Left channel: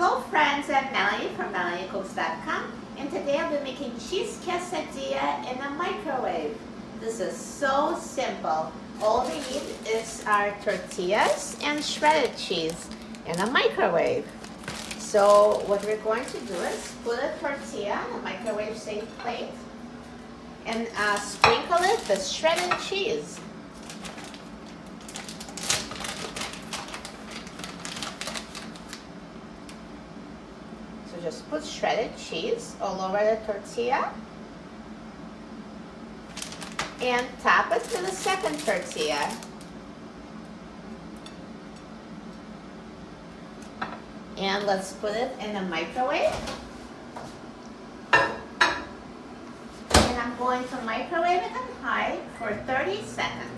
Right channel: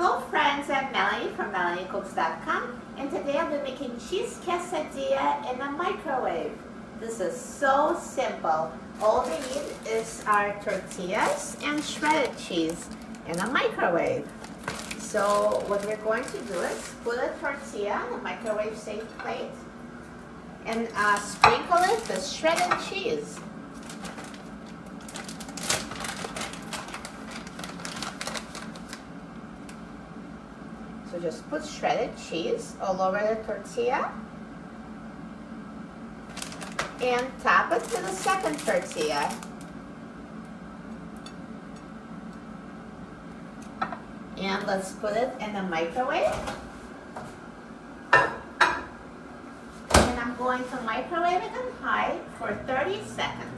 Hello friends, I'm Melanie from MelanieCooks.com, and today I'll be making cheese quesadilla in a microwave. This is so simple. All we need is our tortillas and shredded cheese in a microwave. So what we're going to do is put a tortilla in a microwave safe plate and sprinkle it with shredded cheese. So just put shredded cheese all over the tortilla and top it with a second tortilla. And let's put it in the microwave. And I'm going to microwave it on high for 30 seconds.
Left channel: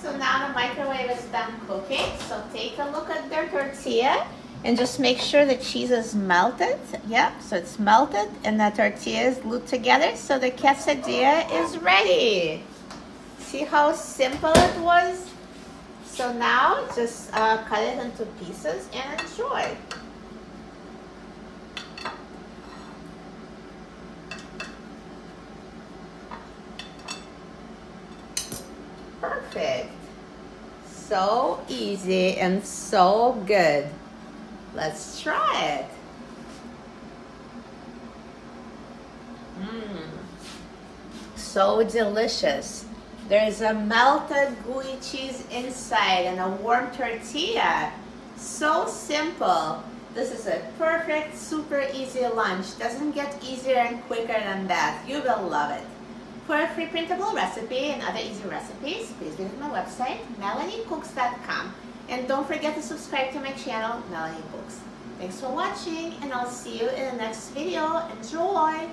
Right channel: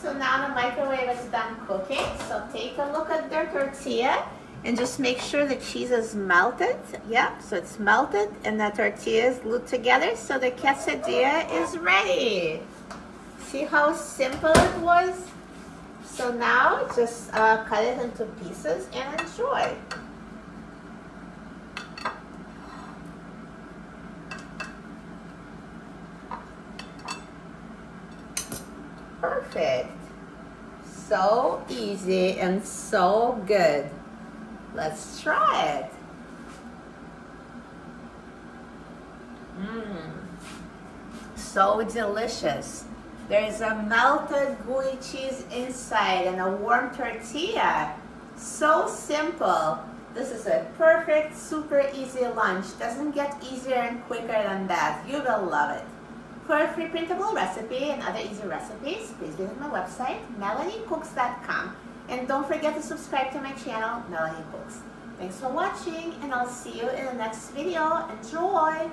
So now the microwave is done cooking. So take a look at their tortilla and just make sure the cheese is melted. Yep, so it's melted and the tortilla is glued together. So the quesadilla is ready. See how simple it was? So now just cut it into pieces and enjoy. Perfect. So easy and so good. Let's try it. So delicious. There's a melted gooey cheese inside and a warm tortilla. So simple. This is a perfect, super easy lunch. Doesn't get easier and quicker than that. You will love it. For a free printable recipe and other easy recipes, please visit my website, MelanieCooks.com. And don't forget to subscribe to my channel, Melanie Cooks. Thanks for watching, and I'll see you in the next video. Enjoy!